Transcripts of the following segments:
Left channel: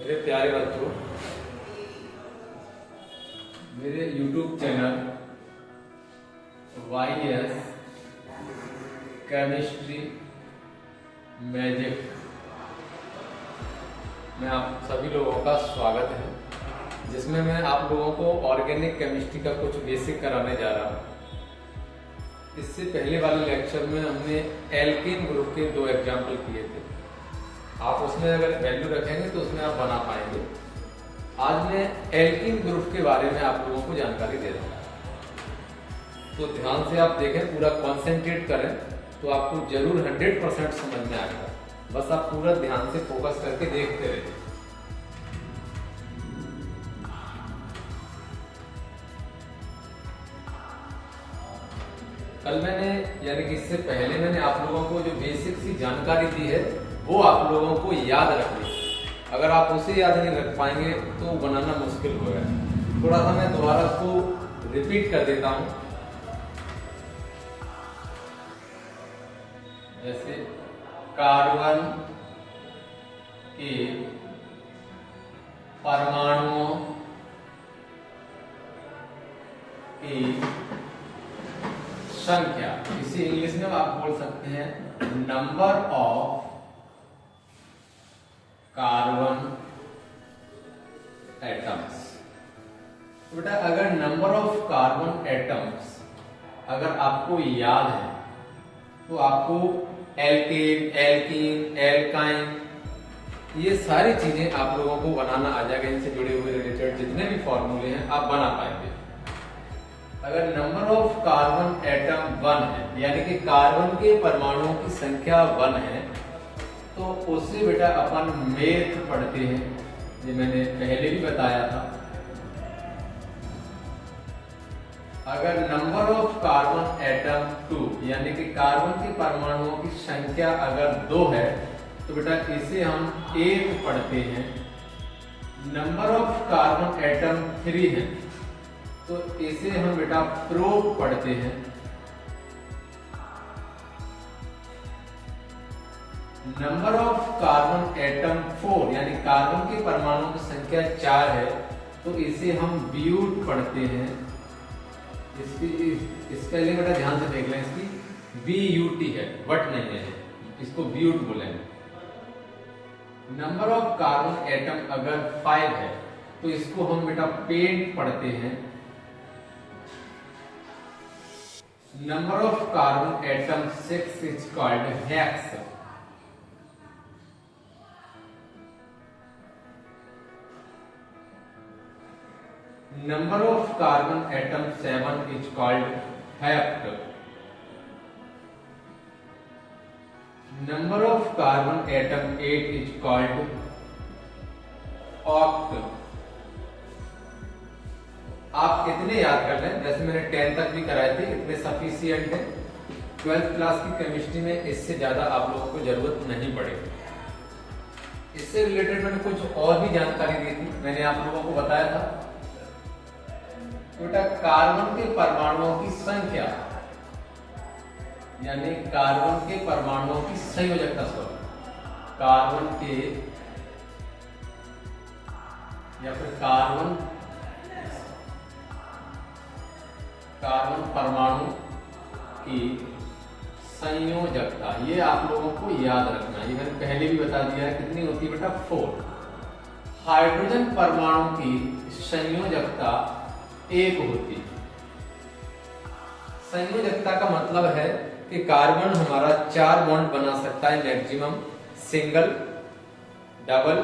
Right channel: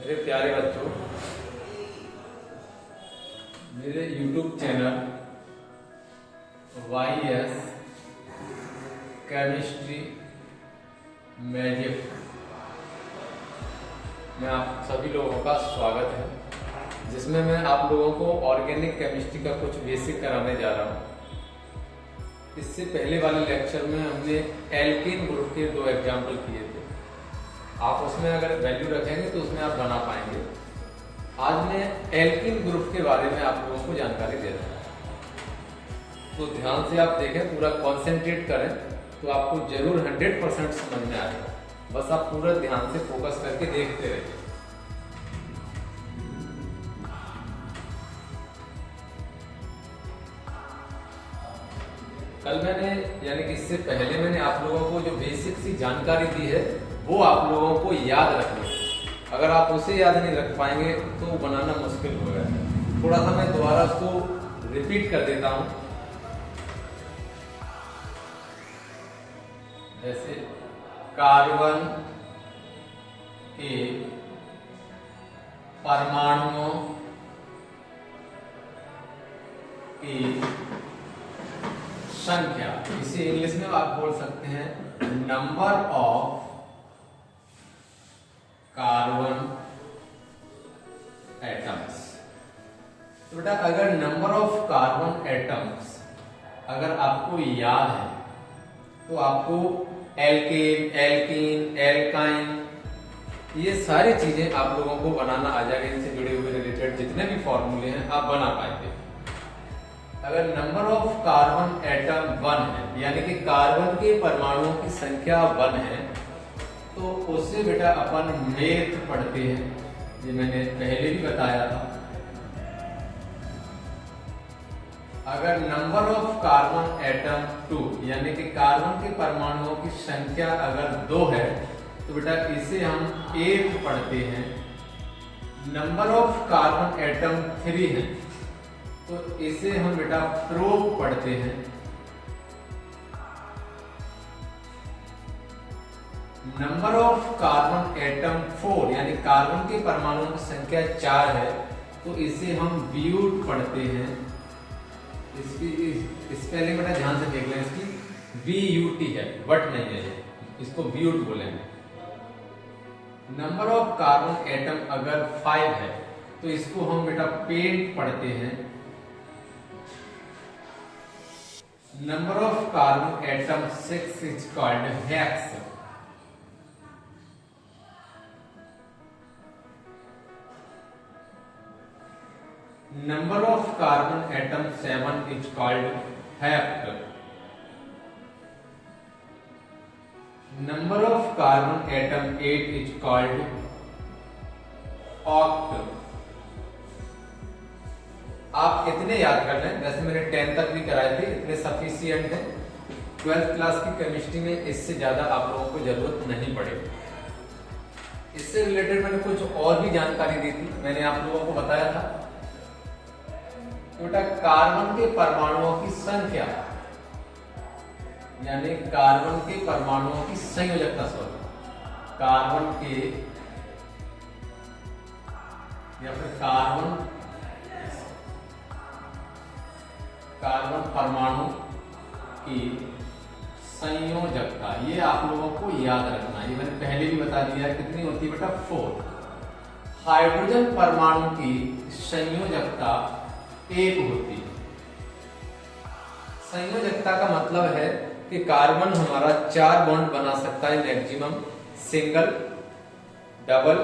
मेरे प्यारे बच्चों, मेरे YouTube channel YS chemistry magic में आप सभी लोगों का स्वागत है, जिसमें मैं आप लोगों को ऑर्गेनिक केमिस्ट्री का कुछ बेसिक कराने जा रहा हूँ। इससे पहले वाले लेक्चर में हमने एल्कीन ग्रुप के 2 एग्जाम्पल किए थे। आप उसमें अगर वैल्यू रखेंगे तो उसमें आप बना पाएंगे। आज मैं एल्कीन ग्रुप के बारे में आप लोगों को जानकारी दे रहा हूँ, तो ध्यान से आप देखें, पूरा कॉन्सेंट्रेट करें तो आपको जरूर 100% समझ में आएगा। बस आप पूरा ध्यान से फोकस करके देखते रहिए। कल मैंने यानी कि इससे पहले मैंने आप लोगों को जो बेसिक सी जानकारी दी है वो आप लोगों को याद रखनी है। अगर आप उसे याद नहीं रख पाएंगे तो बनाना मुश्किल होगा। थोड़ा सा मैं दोबारा उसको रिपीट कर देता हूं। जैसे कार्बन के परमाणुओं की संख्या, इसे इंग्लिश में आप बोल सकते हैं नंबर ऑफ कार्बन एटम्स। तो बेटा अगर नंबर ऑफ कार्बन एटम्स अगर आपको याद है तो आपको एल्केन, एल्कीन, एल्काइन ये सारी चीजें आप लोगों को बनाना आ जाएगा। इनसे जुड़े हुए रिलेटेड जितने भी फॉर्मूले हैं आप बना पाएंगे। अगर नंबर ऑफ कार्बन एटम 1 है, यानी कि कार्बन के परमाणुओं की संख्या 1 है, तो उससे बेटा अपन मेथ पढ़ते हैं, ये मैंने पहले भी बताया था। अगर नंबर ऑफ कार्बन एटम 2 यानी कि कार्बन के परमाणुओं की संख्या अगर 2 है तो बेटा इसे हम 8 पढ़ते हैं। नंबर ऑफ कार्बन एटम 3 है तो इसे हम बेटा प्रोब पढ़ते हैं। नंबर ऑफ कार्बन एटम 4 यानी कार्बन के परमाणुओं की संख्या 4 है तो इसे हम ब्यूट पढ़ते हैं। इसके लिए बेटा ध्यान से देख लें, इसकी BUT है, वट नहीं है, इसको ब्यूट बोलेंगे। नंबर ऑफ कार्बन एटम अगर 5 है तो इसको हम बेटा पेंट पढ़ते हैं। Number of carbon atom 6 is called hex. Number of carbon atom 7 is called hept. Number of carbon atom 8 is called oct. आप इतने याद कर लें, जैसे मैंने 10 तक भी कराए थे, इतने सफिशिएंट है। 12th क्लास की केमिस्ट्री में इससे ज्यादा आप लोगों को जरूरत नहीं पड़ेगी। इससे रिलेटेड मैंने कुछ और भी जानकारी दी थी। मैंने आप लोगों को बताया था बेटा कार्बन के परमाणुओं की संख्या यानी कार्बन के परमाणुओं की संयोजकता, कार्बन के या फिर कार्बन परमाणु की संयोजकता, ये आप लोगों को याद रखना है। ये मैंने पहले भी बता दिया है, कितनी होती है बेटा 4। हाइड्रोजन परमाणु की संयोजकता 1 होती है। संयोजकता का मतलब है कि कार्बन हमारा 4 बॉन्ड बना सकता है मैक्सिमम, सिंगल, डबल,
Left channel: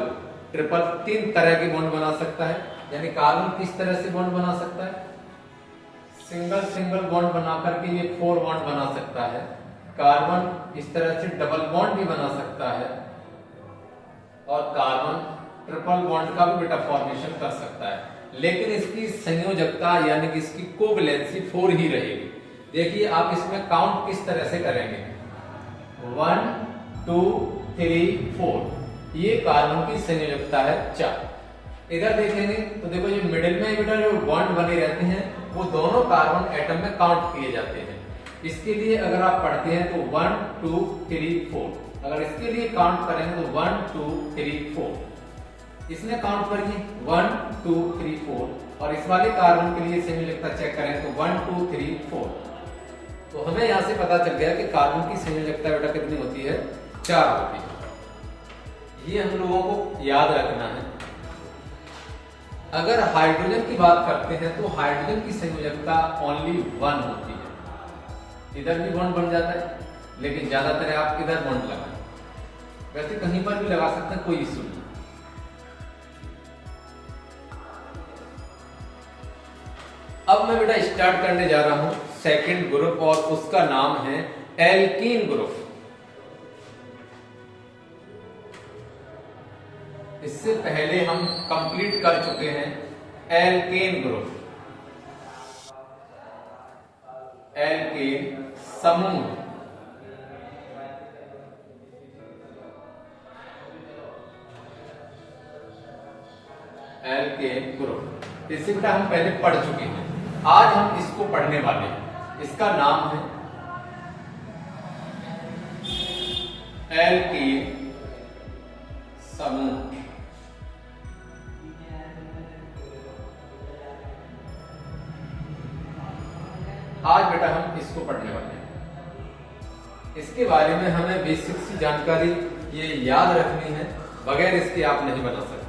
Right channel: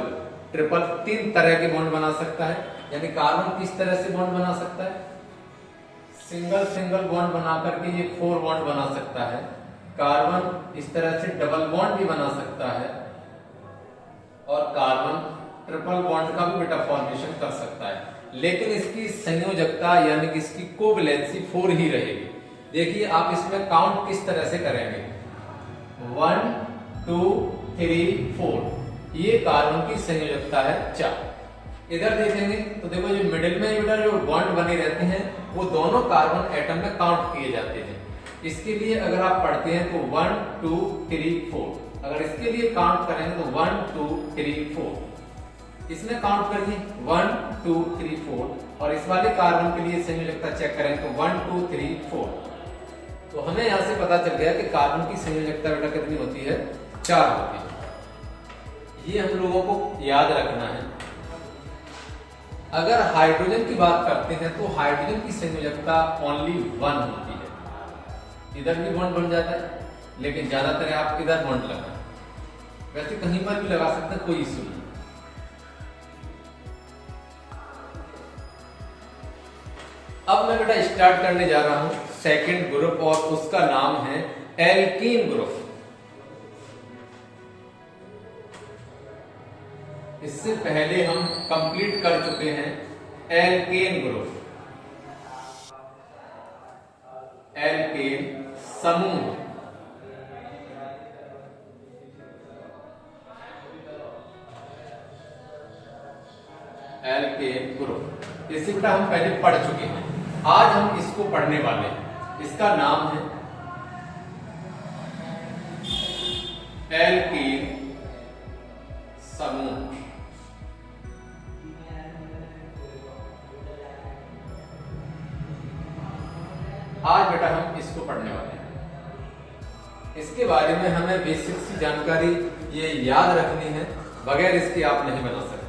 ट्रिपल, 3 तरह के बॉन्ड बना सकता है। यानी कार्बन किस तरह से बॉन्ड बना सकता है? सिंगल बॉन्ड बना करके ये 4 बॉन्ड बना सकता है। कार्बन इस तरह से डबल बॉन्ड भी बना सकता है और कार्बन ट्रिपल बॉन्ड का भी बेटा फॉर्मेशन कर सकता है। लेकिन इसकी संयोजकता यानी कि इसकी कोवैलेंसी 4 ही रहेगी। देखिए आप इसमें काउंट किस तरह से करेंगे, 1 2 3 4, ये कार्बन की संयोजकता है 4। इधर देखेंगे तो देखो जो मिडिल में बेटा जो बॉन्ड बने रहते हैं वो दोनों कार्बन एटम में काउंट किए जाते हैं। इसके लिए अगर आप पढ़ते हैं तो 1 2 3 4, अगर इसके लिए काउंट करें तो 1 2 3 4। इसमें काउंट करिए 1 2 3 4, और इस वाले कार्बन के लिए संयोजकता चेक करेंगे तो 1 2 3 4। तो हमें यहां से पता चल गया कि कार्बन की संयोजकता बेटा कितनी होती है, 4 होती है। ये हम लोगों को याद रखना है। अगर हाइड्रोजन की बात करते हैं तो हाइड्रोजन की संयोजकता ओनली 1 होती है। इधर भी बॉन्ड बन जाता है, लेकिन ज्यादातर आप इधर बॉन्ड लगाएं, वैसे कहीं पर भी लगा सकते हैं, कोई इशू नहीं। अब मैं बेटा स्टार्ट करने जा रहा हूं सेकंड ग्रुप, और उसका नाम है एल्कीन ग्रुप। इससे पहले हम कंप्लीट कर चुके हैं एल्केन ग्रुप, एल्केन समूह। एल्केन ग्रुप इसे बेटा हम पहले पढ़ चुके हैं, आज हम इसको पढ़ने वाले हैं। इसका नाम है एल्केन समूह। आज बेटा हम इसको पढ़ने वाले हैं। इसके बारे में हमें बेसिक सी जानकारी ये याद रखनी है, बगैर इसके आप नहीं बना सकते।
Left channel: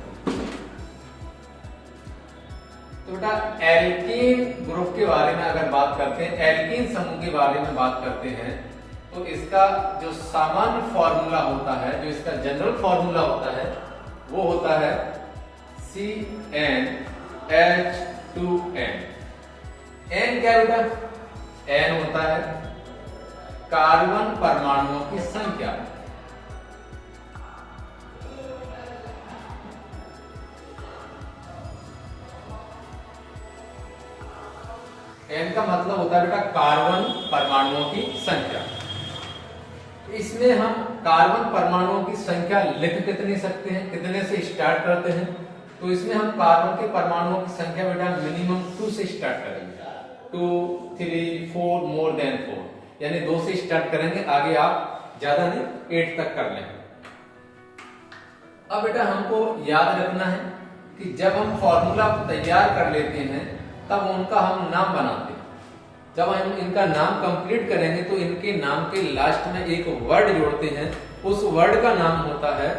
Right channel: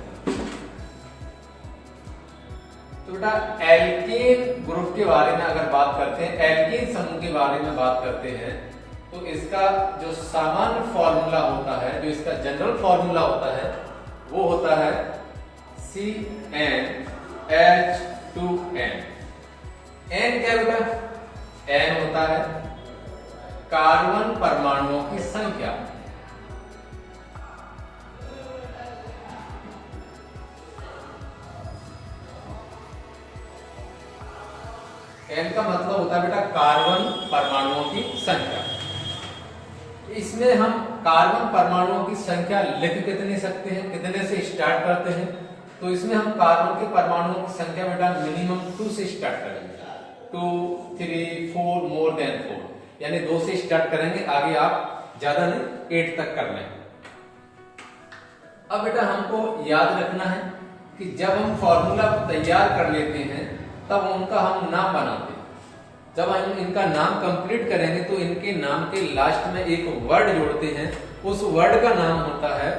तो बेटा एल्कीन ग्रुप के बारे में अगर बात करते हैं, एल्कीन समूह के बारे में बात करते हैं, तो इसका जो सामान्य फॉर्मूला होता है, जो इसका जनरल फॉर्मूला होता है, वो होता है CnH2n। n क्या बेटा, n होता है कार्बन परमाणुओं की संख्या। n का मतलब होता है बेटा कार्बन परमाणुओं की संख्या। इसमें हम कार्बन परमाणुओं की संख्या लिख कितने सकते हैं, कितने से स्टार्ट करते हैं, तो इसमें हम कार्बन के परमाणुओं की संख्या बेटा मिनिमम 2 से स्टार्ट करेंगे। 2 3 4 मोर देन 4, यानी 2 से स्टार्ट करेंगे, आगे आप ज्यादा नहीं 8 तक कर लेंगे। अब बेटा हमको याद रखना है कि जब हम फॉर्मूला तैयार कर लेते हैं तब उनका हम नाम बनाते हैं। जब हम इनका नाम कंप्लीट करेंगे तो इनके नाम के लास्ट में एक वर्ड जोड़ते हैं, उस वर्ड का नाम होता है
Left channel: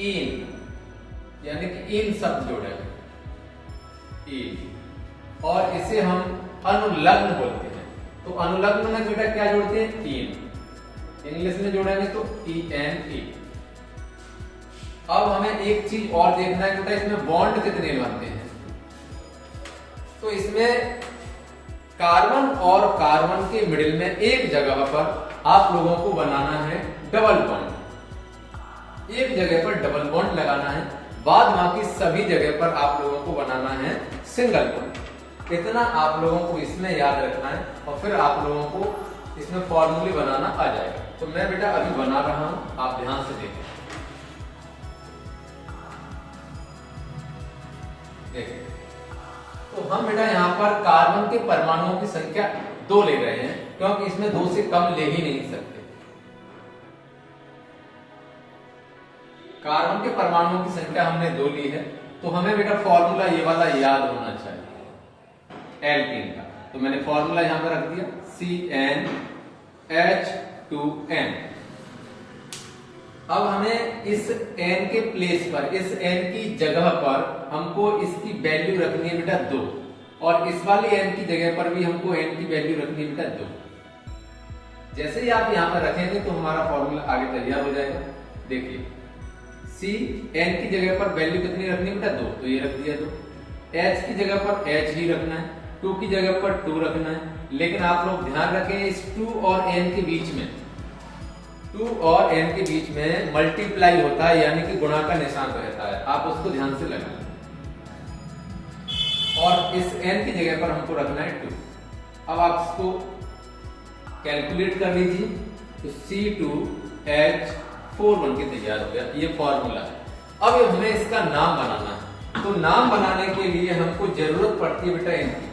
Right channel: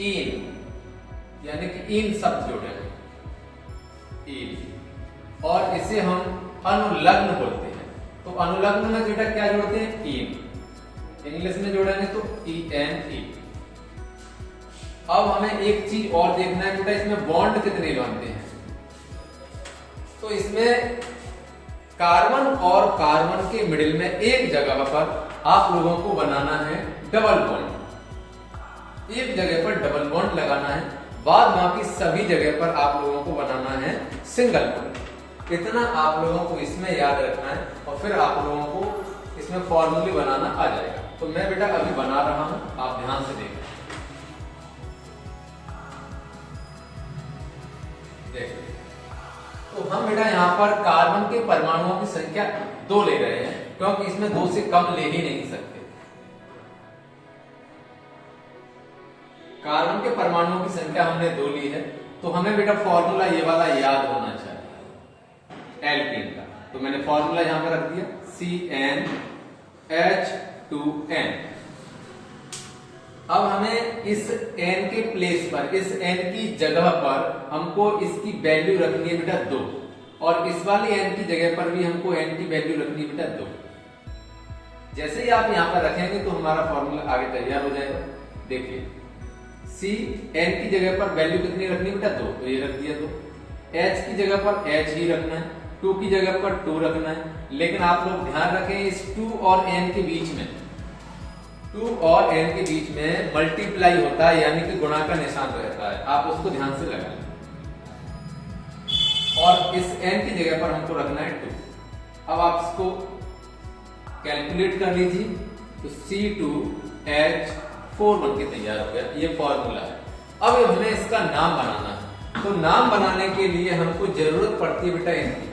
इन, यानी कि इन शब्द जोड़ेंगे, इन, और इसे हम अनुलग्न बोलते हैं। तो अनुलग्न में बेटा क्या जोड़ते हैं, इन, इंग्लिश में जोड़ेंगे तो ENE। अब हमें एक चीज और देखना है बेटा, इसमें बॉन्ड कितने बनते हैं। तो इसमें कार्बन और कार्बन के मिडिल में एक जगह पर आप लोगों को बनाना है डबल बॉन्ड, एक जगह पर डबल बॉन्ड लगाना है, बाद बाकी सभी जगह पर आप लोगों को बनाना है सिंगल बॉन्ड। इतना आप लोगों को इसमें याद रखना है, और फिर आप लोगों को इसमें फॉर्मूले बनाना आ जाएगा। तो मैं बेटा अभी बना रहा हूं, आप ध्यान से देखें। देखिए, तो हम बेटा यहाँ पर कार्बन के परमाणुओं की संख्या 2 ले रहे हैं, क्योंकि इसमें 2 से कम ले ही नहीं सकते। कार्बन के परमाणुओं की संख्या हमने 2 ली है, तो हमें बेटा फॉर्मूला ये वाला याद होना चाहिए एल्कीन का। तो मैंने फॉर्मूला यहां पर रख दिया CnH2n। अब हमें इस n के प्लेस पर, इस n की जगह पर हमको इसकी वैल्यू रखनी है बेटा 2, और इस वाले n की जगह पर भी हमको n की वैल्यू रखनी है बेटा 2। जैसे ही आप यहां पर रखेंगे तो हमारा फॉर्मूला आगे तैयार हो जाएगा। देखिए, Cn की जगह पर वैल्यू कितनी रखनी है बेटा 2, तो ये रख दिया 2। H की जगह पर H ही रखना है, 2 की जगह पर 2 रखना है। लेकिन आप लोग ध्यान रखें, इस 2 और n के बीच में, 2 और n के बीच में मल्टीप्लाई होता है, यानी कि गुणा का निशान रहता है, आप उसको ध्यान से लगाएं। और इस n की जगह पर हमको रखना है 2। अब आप इसको कैलकुलेट कर लीजिए, तो C2H4 बन के तैयार हो गया। ये फॉर्मूला है। अब हमें इसका नाम बनाना है, तो नाम बनाने के लिए हमको जरूरत पड़ती है बेटा इनकी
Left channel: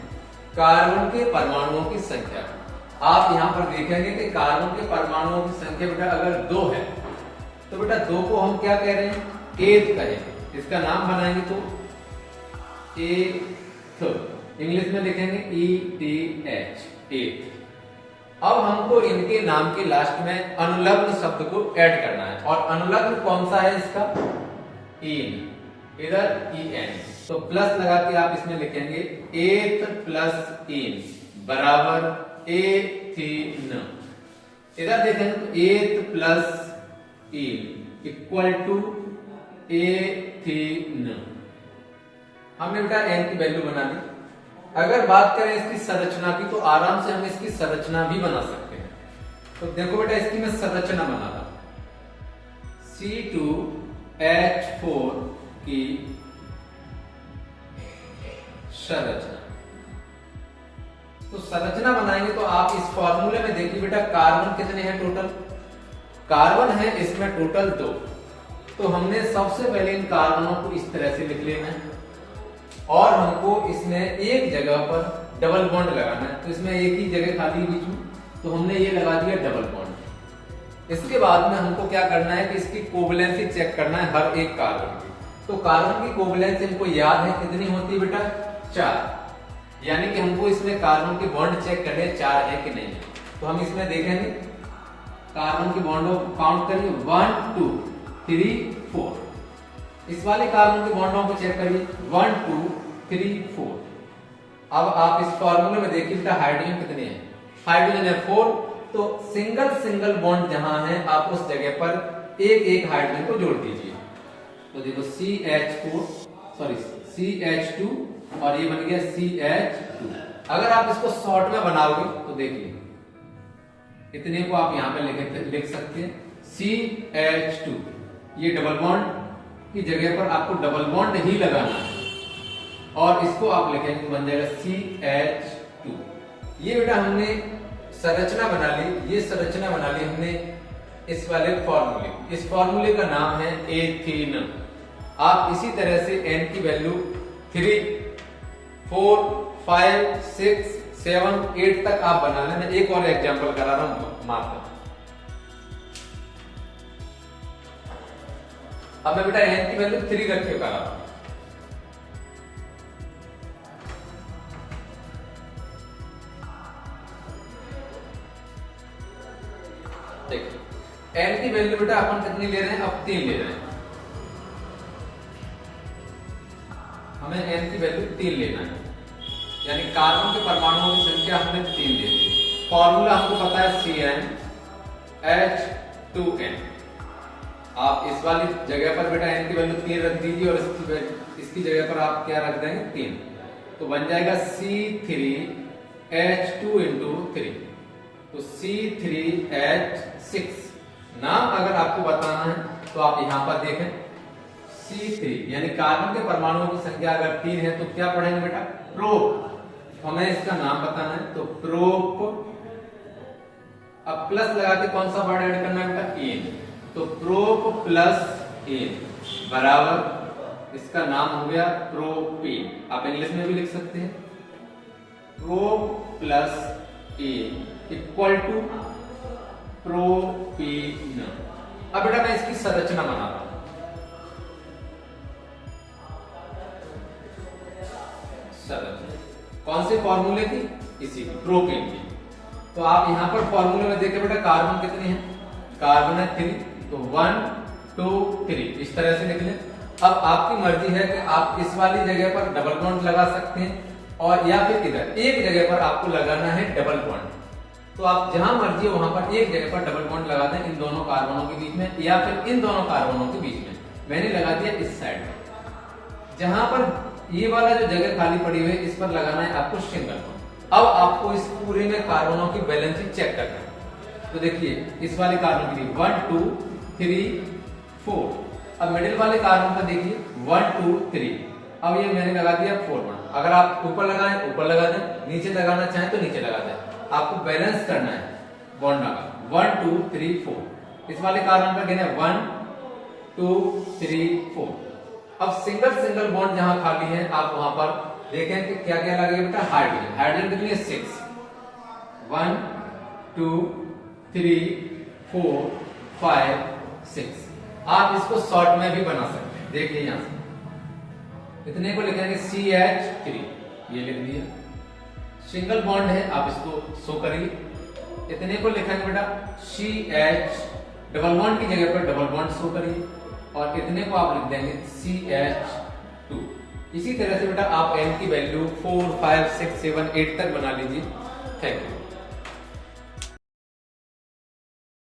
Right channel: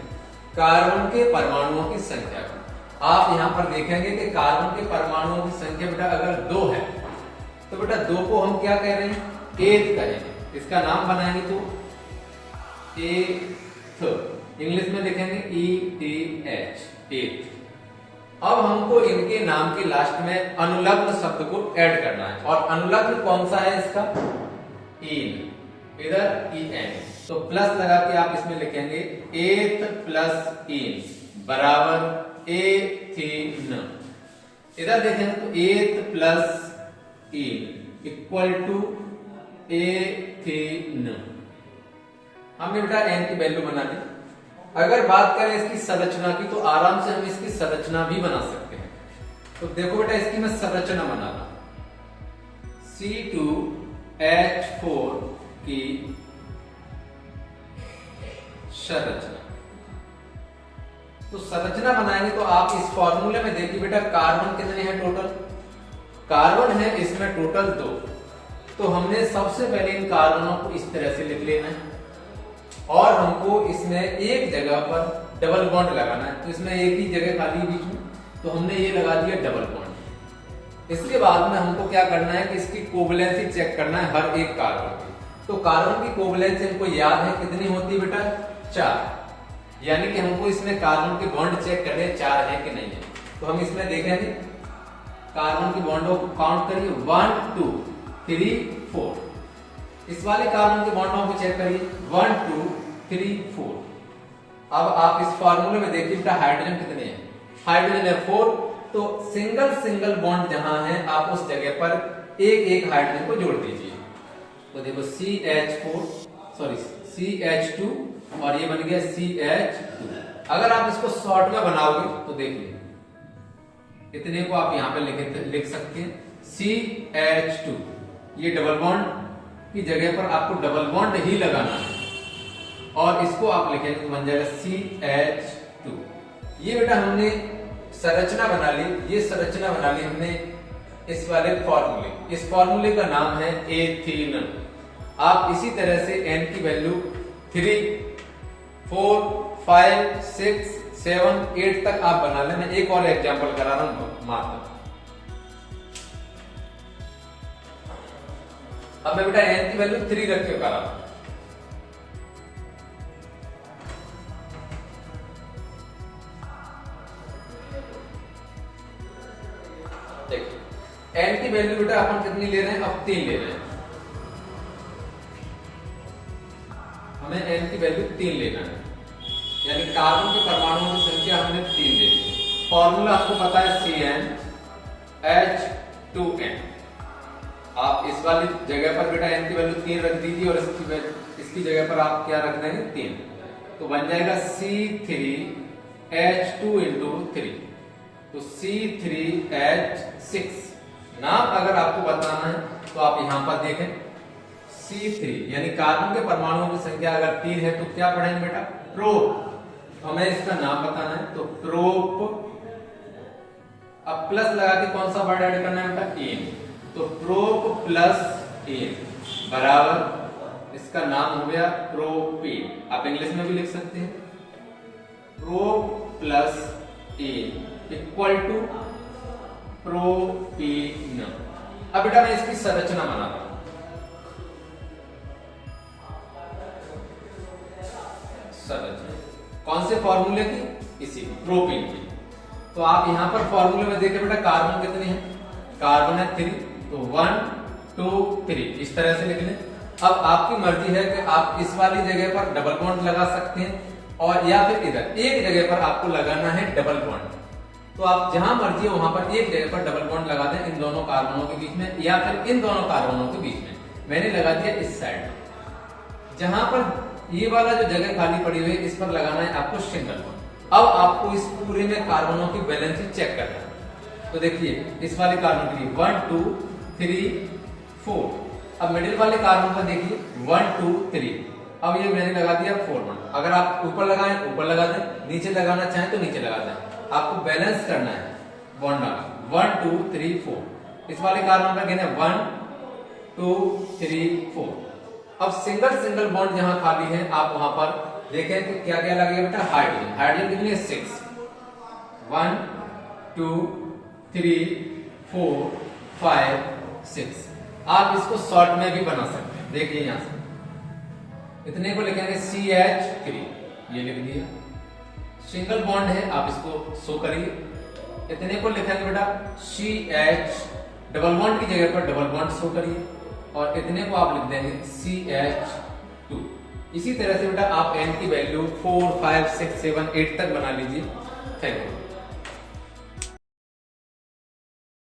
कार्बन के परमाणुओं की संख्या की। आप यहां पर देखेंगे कि कार्बन के परमाणुओं की संख्या बेटा अगर 2 है, तो बेटा 2 को हम क्या कह रहे हैं, 8 कहेंगे। इसका नाम बनाएंगे तो एथ, इंग्लिश में लिखेंगे ETH, एथ। अब हमको इनके नाम के लास्ट में अनुलग्न शब्द को ऐड करना है, और अनुलग्न कौन सा है इसका, इन, इधर EN, तो प्लस लगा के आप इसमें लिखेंगे एथ प्लस इन बराबर एथीन। इधर देखेंगे तो eth plus ene equal to ethene. हमने बेटा एन की वैल्यू बना ली। अगर बात करें इसकी संरचना की, तो आराम से हम इसकी संरचना भी बना सकते हैं। तो देखो बेटा, इसकी मैं संरचना बना रहा हूं, C2H4 की संरचना। तो संरचना बनाएंगे तो आप इस फॉर्मूले में देखिए बेटा, कार्बन कितने हैं टोटल, कार्बन है इसमें टोटल 2। तो हमने सबसे पहले इन कार्बनों को इस तरह से लिख लेना है, और हमको इसमें एक जगह पर डबल बॉन्ड लगाना है। तो इसमें एक ही जगह खाली है बीच में, तो हमने ये लगा दिया डबल बॉन्ड। इसके बाद में हमको क्या करना है कि इसकी कोवलेंसी चेक करना है हर एक कार्बन की। तो कार्बन की कोवलेंसी हमको याद है कितनी होती है बेटा, 4। यानी कि हमको इसमें कार्बन के बॉन्ड चेक करने 4 है कि नहीं है। तो हम इसमें देखेंगे कार्बन की बॉन्डों को काउंट करिए, 1 2 3 4। इस वाले कार्बन के बॉन्डों को चेक करिए, 1 2 3 4। अब आप इस फॉर्मूले में देखिए बेटा, हाइड्रोजन कितने हैं, हाइड्रोजन है 4। तो सिंगल सिंगल बॉन्ड जहां है आप उस जगह पर एक एक हाइड्रोजन को जोड़ दीजिए। तो देखो CH2 और ये बन गया CH2। अगर आप इसको शॉर्ट में बनाओगे तो देखिए इतने को आप यहां पे लिख सकते हैं CH2। ये डबल बॉन्ड की जगह पर आपको डबल बॉन्ड ही लगाना है, और इसको आप लिखेंगे तो बन जाएगा CH2। ये बेटा हमने संरचना बना ली, ये संरचना बना ली हमने इस वाले फॉर्मूले। इस फॉर्मूले का नाम है एथीन। आप इसी तरह से N की वैल्यू 3 4 5 6 7 8 तक आप बना लें। मैं एक और एग्जांपल करा रहा हूं मात्र। अब मैं बेटा N की वैल्यू 3 रख के करा रहा हूं। देखिए N की वैल्यू बेटा अपन कितनी ले रहे हैं, अब 3 ले रहे हैं। हमें N की वैल्यू 3 लेना है, यानी कार्बन के परमाणुओं की संख्या हमने 3 ले ली। फॉर्मूला हमको पता है CnH2n। आप इस वाली जगह पर बेटा N की वैल्यू 3 रख दीजिए, और इसकी जगह पर आप क्या रख देंगे, 3। तो बन जाएगा C3H2 × 3, तो C3H6। नाम अगर आपको बताना है तो आप यहां पर देखें C3, यानी कार्बन के परमाणुओं की संख्या अगर 3 है तो क्या पढ़ेंगे बेटा, प्रोप। हमें इसका नाम बताना है तो प्रोप। अब प्लस लगा के कौन सा वर्ड ऐड करना है बेटा, एन। तो प्रोप प्लस एन बराबर इसका नाम हो गया प्रोपेन। आप इंग्लिश में भी लिख सकते हैं, prop plus ane equal to propane. अब बेटा मैं इसकी संरचना बना रहा हूं। संरचना कौन से फॉर्मूले की, इसी प्रोपेन की। तो आप यहां पर फॉर्मूले में देखिए बेटा, कार्बन कितने हैं, कार्बन है 3, तो 1 2 3 इस तरह से लिख लें। अब आपकी मर्जी है कि आप इस वाली जगह पर डबल बॉन्ड लगा सकते हैं, और या फिर इधर एक जगह पर आपको लगाना है डबल बॉन्ड। तो आप जहां मर्जी है वहां पर एक जगह पर डबल बॉन्ड लगा दें इन दोनों कार्बनों के बीच में, या फिर इन दोनों कार्बनों के बीच में। मैंने लगा दिया इस साइड में, जहां पर ये वाला जो जगह खाली पड़ी हुई है इस पर लगाना है आपको सिंगल बॉन्ड। अब आपको इस पूरे में कार्बनों की बैलेंसिंग चेक करना है। तो देखिए इस वाले कार्बन के लिए 1 2 3 4। अब मिडिल वाले कार्बन पर देखिए 1 2 3। अब ये मैंने लगा दिया 4 बॉन्ड। अगर आप ऊपर लगाएं ऊपर लगा दें, नीचे लगाना चाहें तो नीचे लगा दें। आपको बैलेंस करना है बॉन्ड का, 1 2 3 4। इस वाले कार्बन पर गिने 1 2 3 4। अब सिंगल बॉन्ड जहां खाली है आप वहां पर देखें कि क्या क्या लगेगा बेटा, हाइड्रोजन। हाइड्रोजन कितनी है, 6। 1 2 3 4 5 6। आप इसको शॉर्ट में भी बना सकते हैं। देखिए यहां से इतने को लिखेंगे CH3, ये लिख दिया। सिंगल बॉन्ड है, आप इसको शो करिए। इतने को लिखेंगे बेटा CH, डबल बॉन्ड की जगह पर डबल बॉन्ड शो करिए, और इतने को आप लिख देंगे CH2। इसी तरह से बेटा आप n की वैल्यू 4, 5, 6, 7, 8 तक बना लीजिए। Thank you.